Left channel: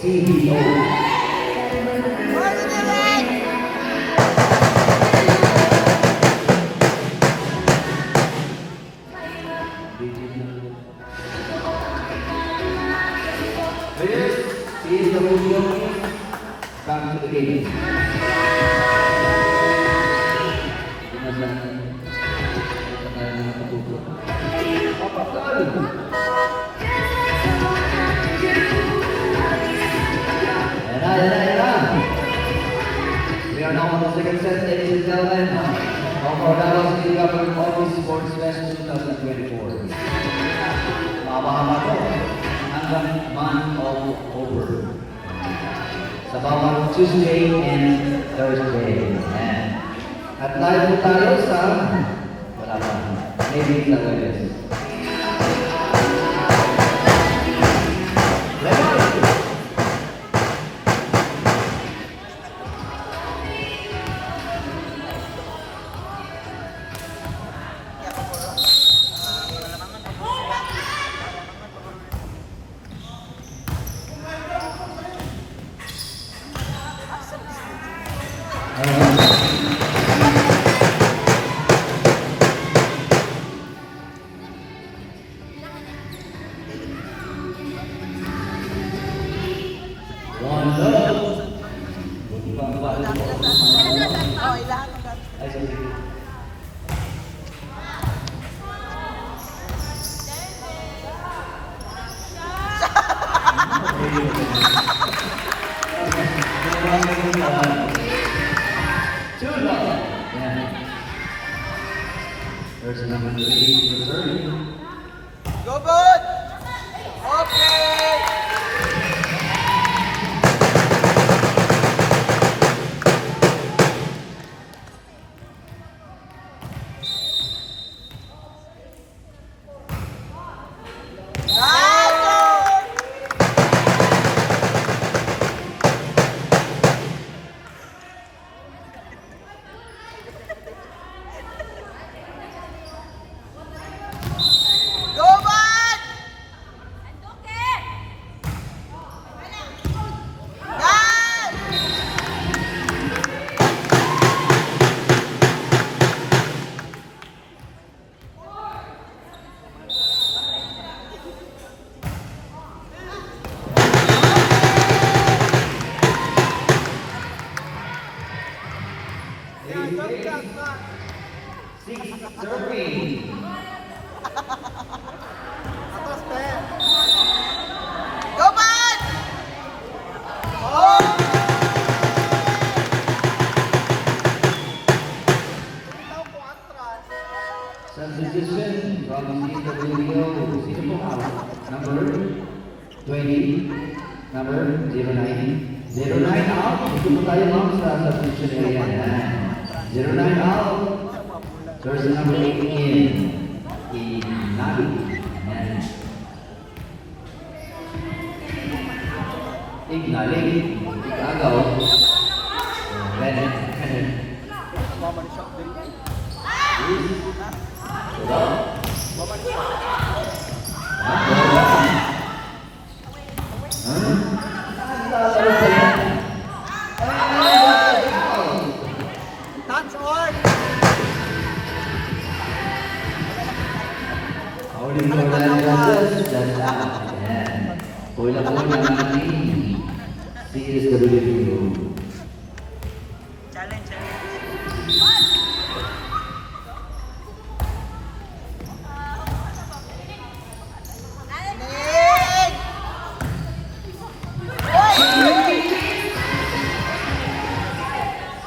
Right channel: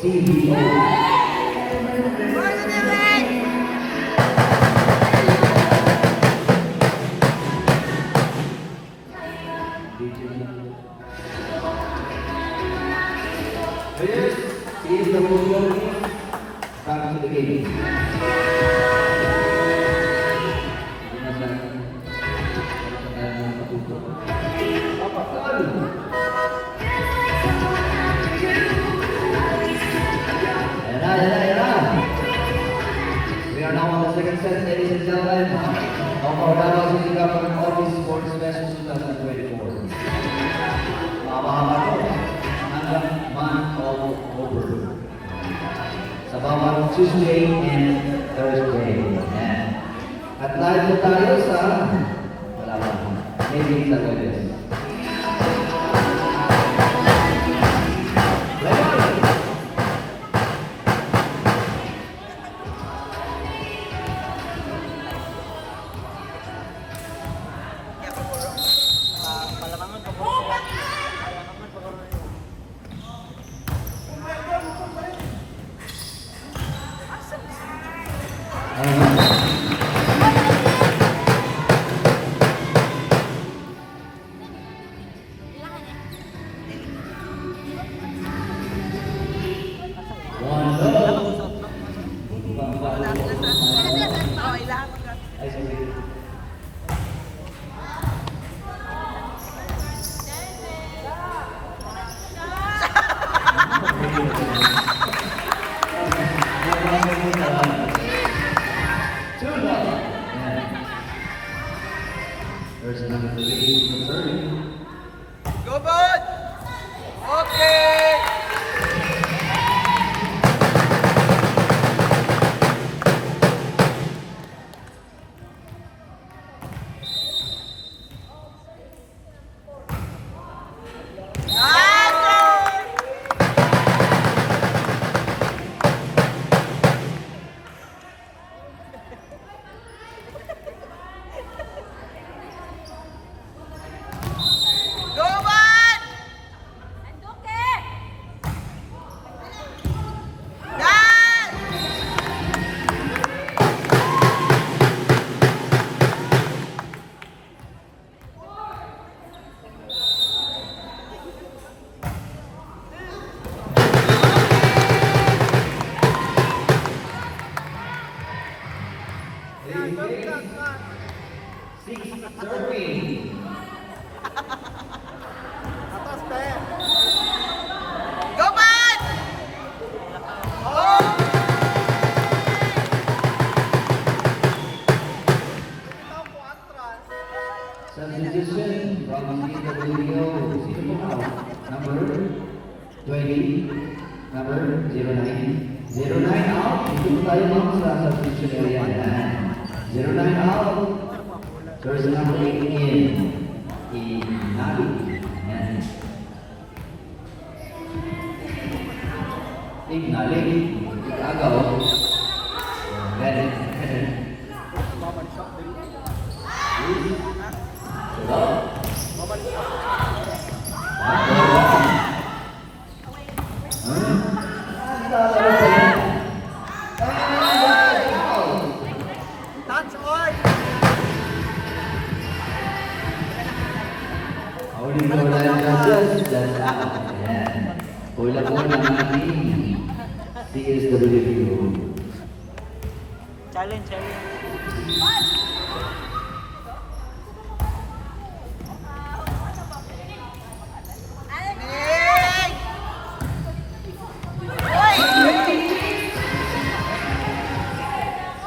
CBO. Players, is the Museum come to the game. We are now on the second set, ladies and gentlemen, of our Davao City Government Office Sports Fest 2024. Mahaba-haba po hanggang month of October. Sa bawat Tuesday and Thursday. At live po tayo sa, wala pa, maybe sa Webes. Level! There's number 3 returning. Go, bud! Okay! Substitution from CWO, sino po out? Number 20, number 09. 09 out, dito po tayo ma'am sa substitution area. Yan. 09 out. There's number 8 in Nabi. Yan. Ignalig, Igagaw. Ready. Howling for land just out. Ayan. Kulang po ng ating CSWO. Challenge,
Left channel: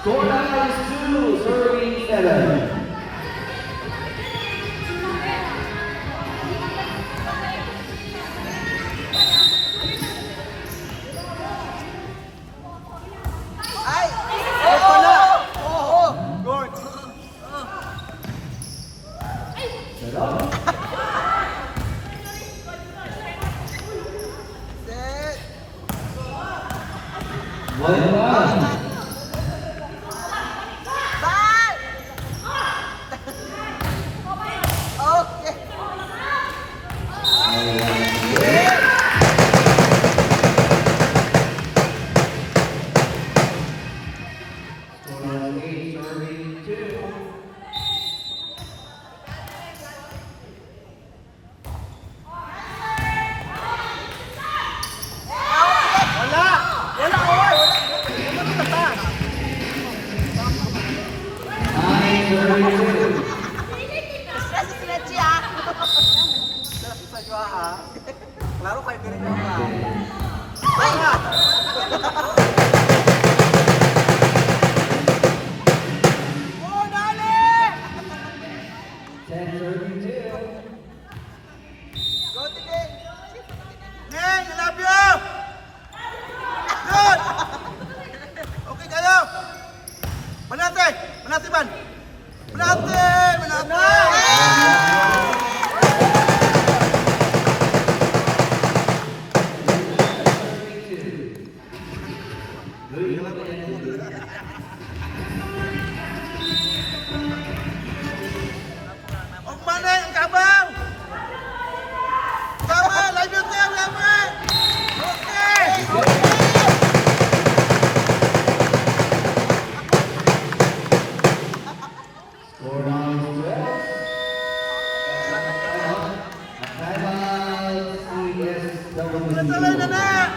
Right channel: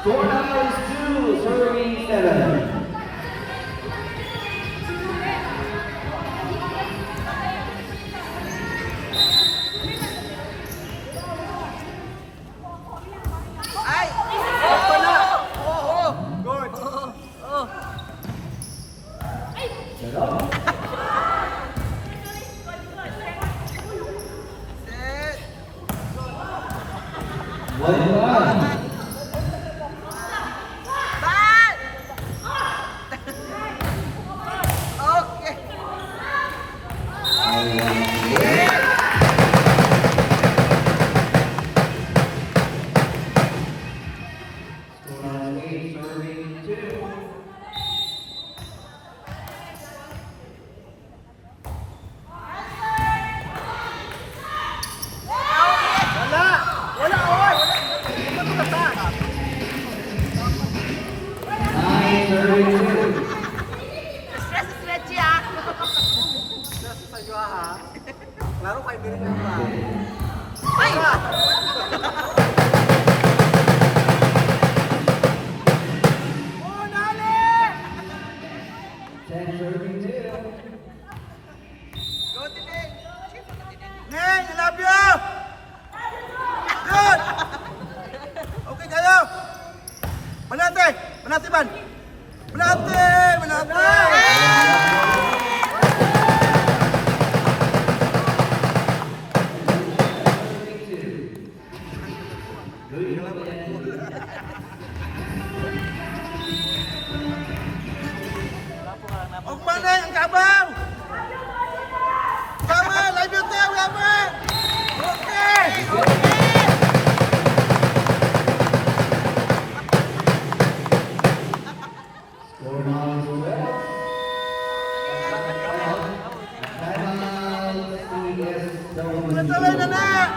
Score number is 2, serving 7. Ông Man ơi, ông cảm ơn. Cảm ơn, lấy biểu tiêu, cảm ơn. Ok. Score now is 12. Timeout, CSW. Tuloy na na.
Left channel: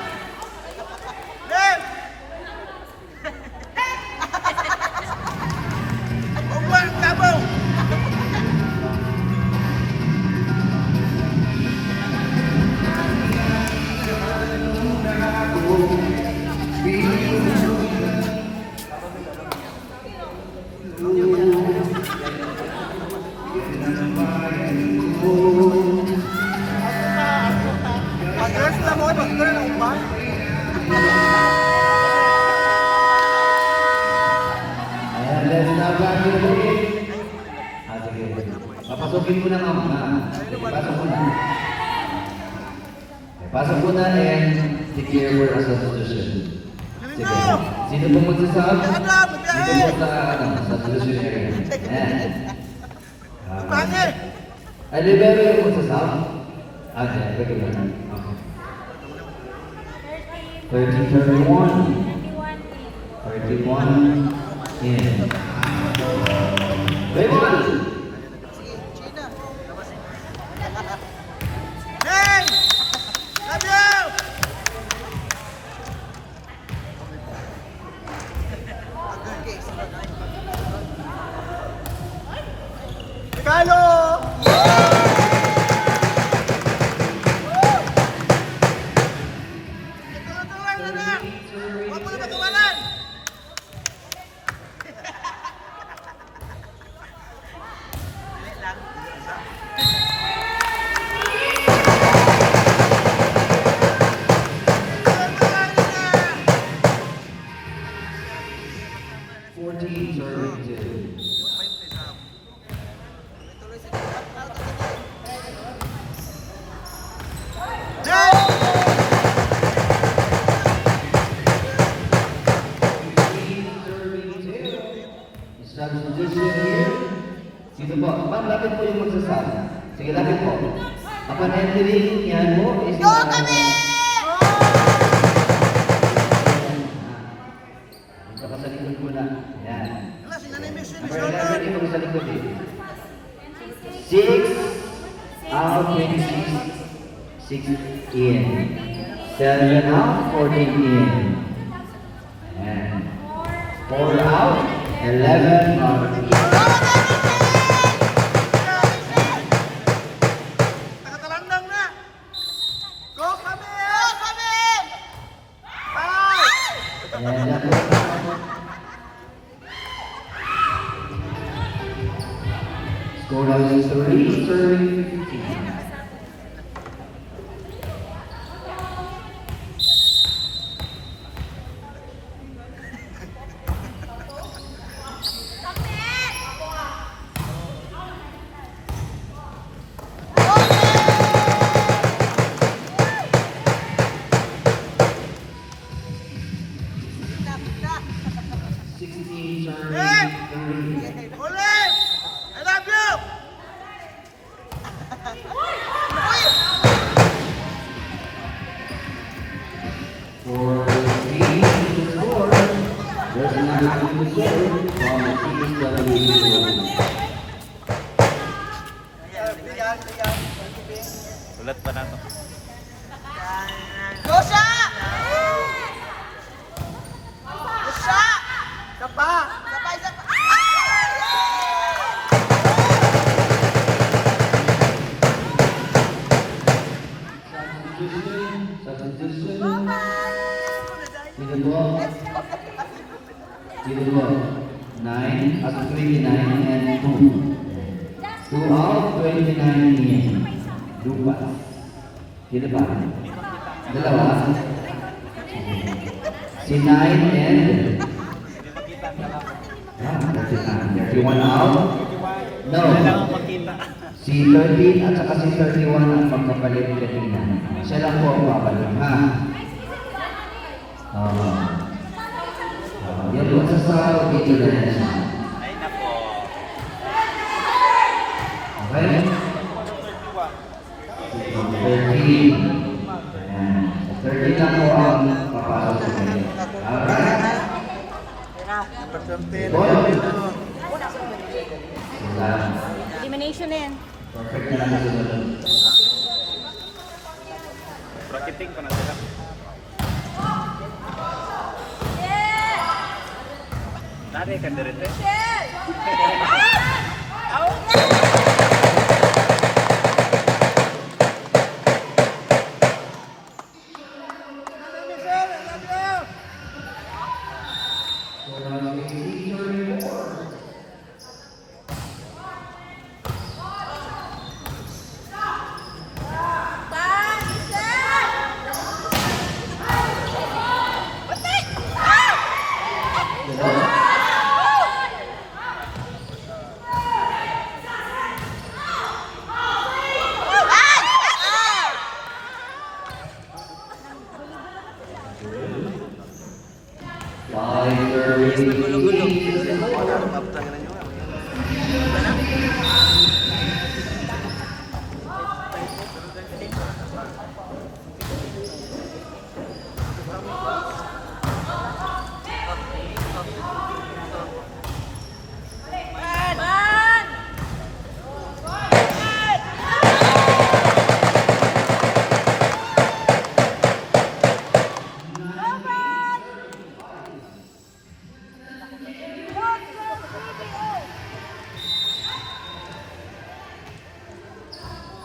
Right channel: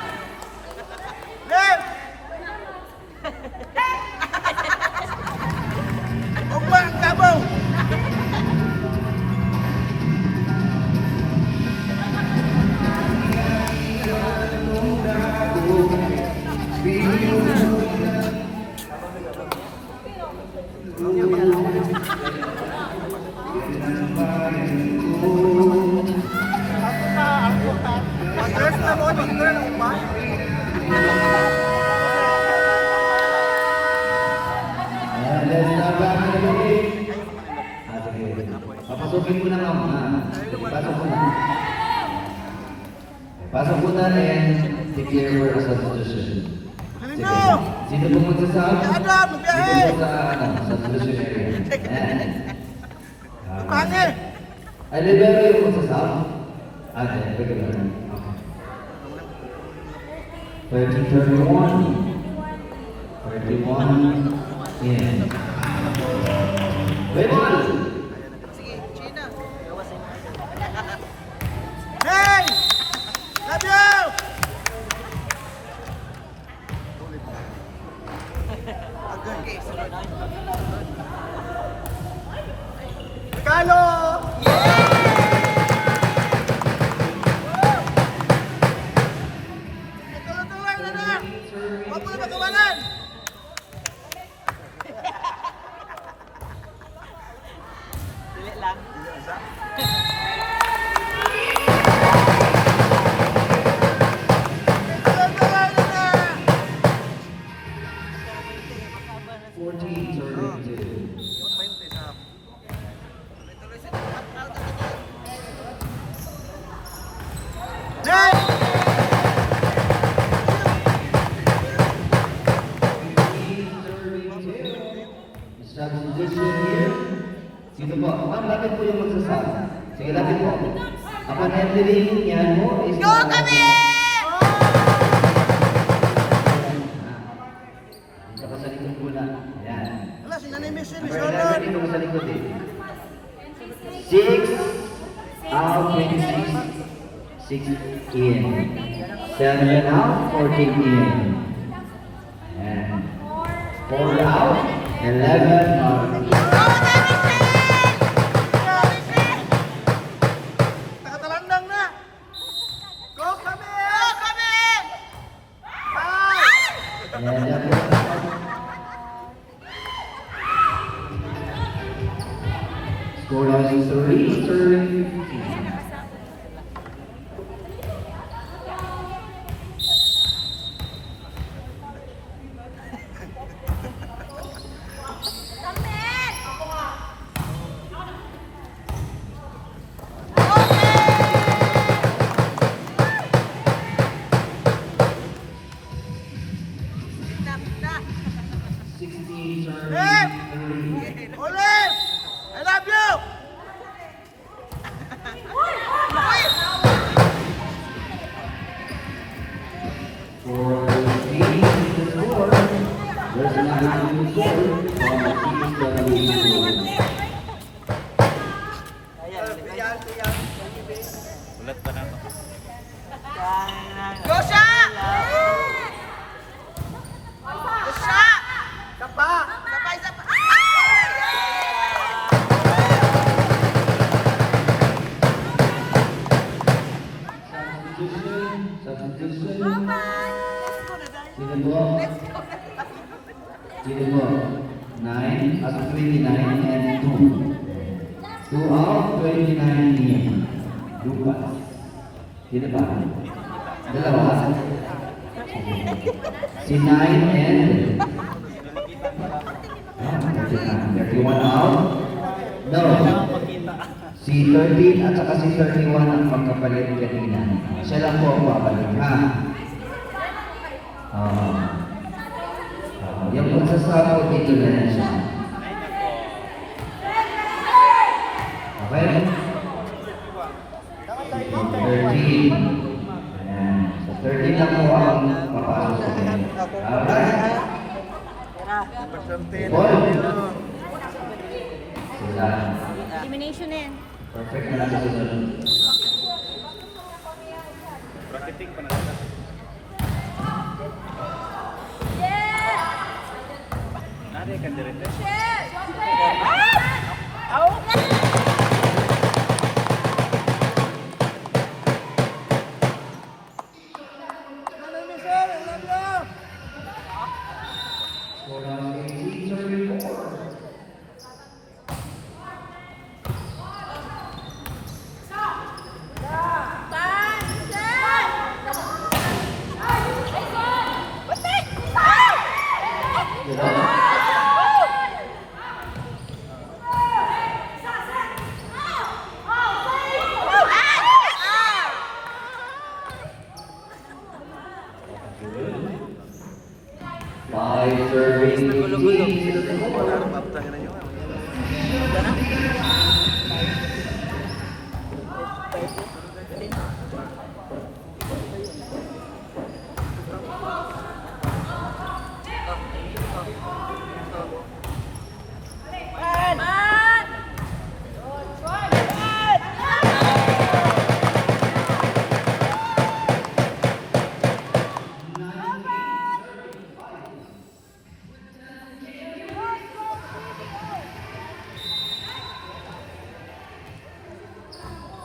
Game. Ông Man, cảm ơn. And let's start back to the game. Sige. Papasukin mo na nga. Sige, pasok mo na. Okay, pasok mo na and declare for a substitution. Sige. Sino pong magsasab? Dito po sa substitution area. Ayan. Pangit. Ay, libero yung magsasab? Okay, regular. Okay. 31. 31 in. Raymond! Hey! Love you! Kalo! Tuloy-tuloy na na! Huwag mo na magawalan! Tuloy-tuloy na na! 14 serving 2. Next! 15 serving 2. Substitution here. Dito po. Ma'am, lapit po yung magsasab. Sige, lapit po. Upon entering, yan mo is... Go kami! Dito ka sa likod po na. Ayan. Wala, sinanimiss yun, Number Miss 11, dito ka sa likod eh. 6 out, 26. 6 in. 7 out, 14 in. And 4 out, 11 out. Nakatalandang na! Go kami! Go kami! Ayan, dyan po. Score now is 3, serving 15. Hey! Olive! I love you! For the team to score, there's another team to score from CSW. Ulat pa na to. Gosha! Gosha! Sapa! Sabay, sabay! Substitution. Sino po? Sino po? 9 at 29 and 2. 2 out, 29 in. Lupa. Sino ba? Dalawa. Si 9 and... 39. 31 out. No. Si 13 at saka si 31 ang magkapalit kanina. Siya lang po ang babalik, ha? Yan po Magsasampo dito na yan siya. Okay? 13. Ayan. So 13 na po ang papasok ko ngayon. Alright. Number 13. Ball. Sila. Elimination na yan. Perfect na nasusunod. Score now is 18-34. You know? Five serving lead. Maptangan nyo.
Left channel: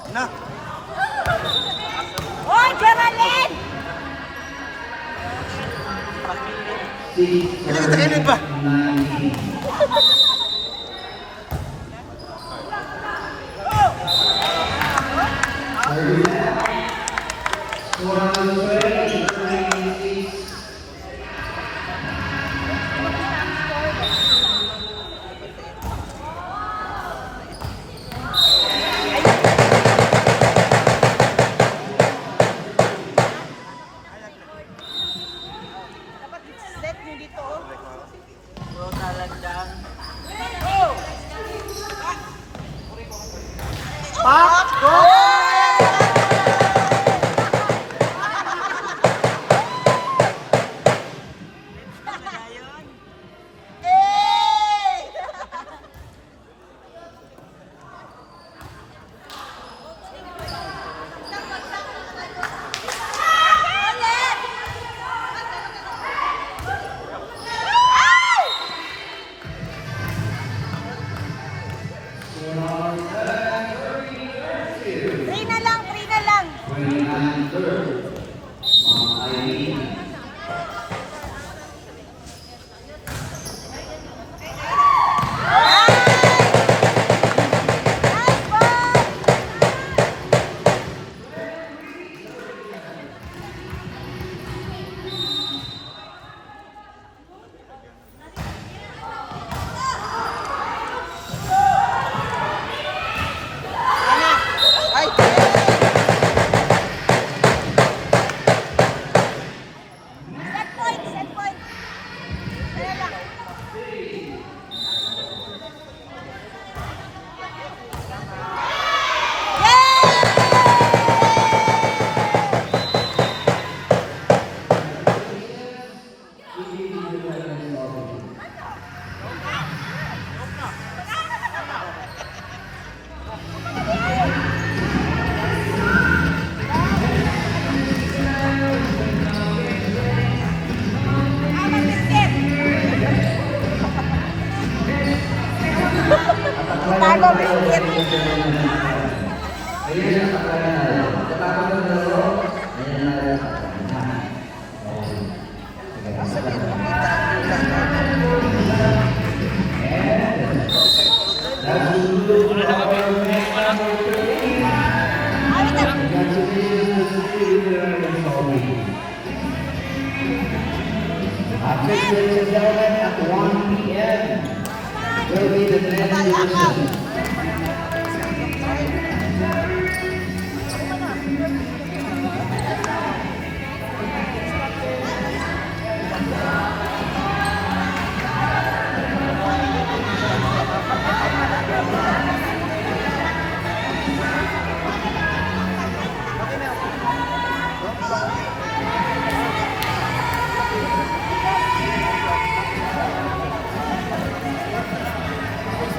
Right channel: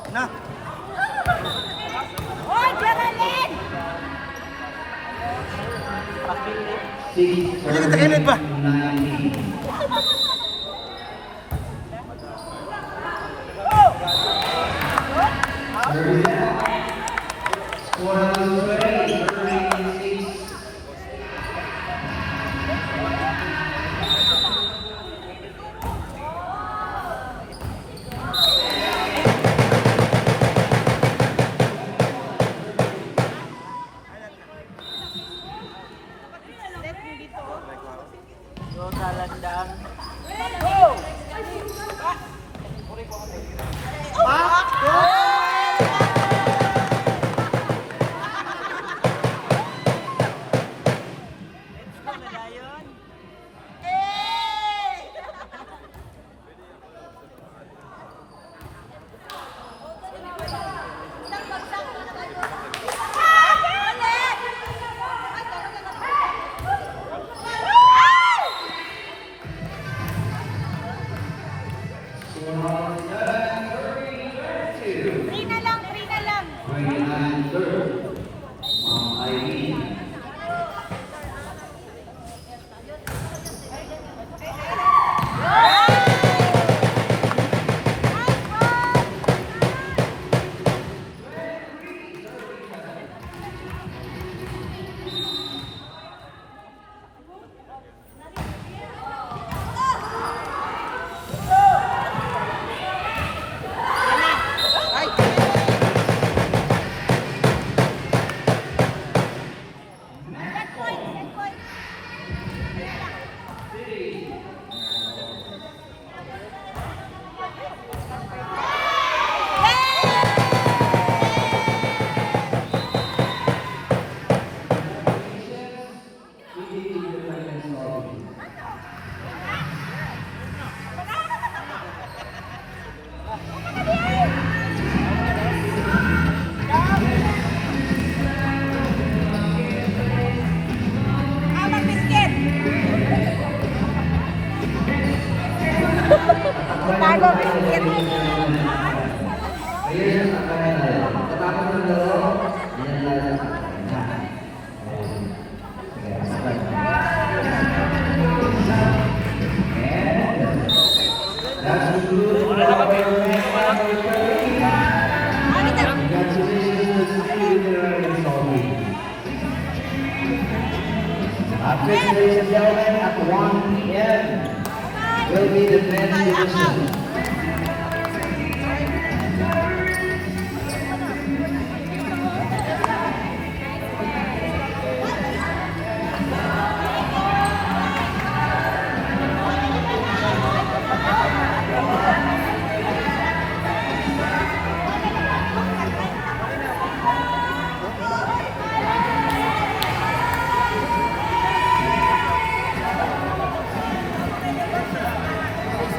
Na. Hoy, Geraldine! Six Hindi kita kilid ba? 19. Serving back. Score number 20, serving 6. Set nyo dito. Yung talandang. Score number 7, serving 32. 3 na lang, 3 na lang. 29 third. Ma'am Eileen. Tago, biscuit. Ayun ang sakay na tayo. Katapos ng laro, ayan na yung sakay na. Ayun. Sige, sakay. And that's the good for our match number 30. Congratulations to City Literary and Salty. Next, ladies and gentlemen, at 1 p.m. will be the men's division.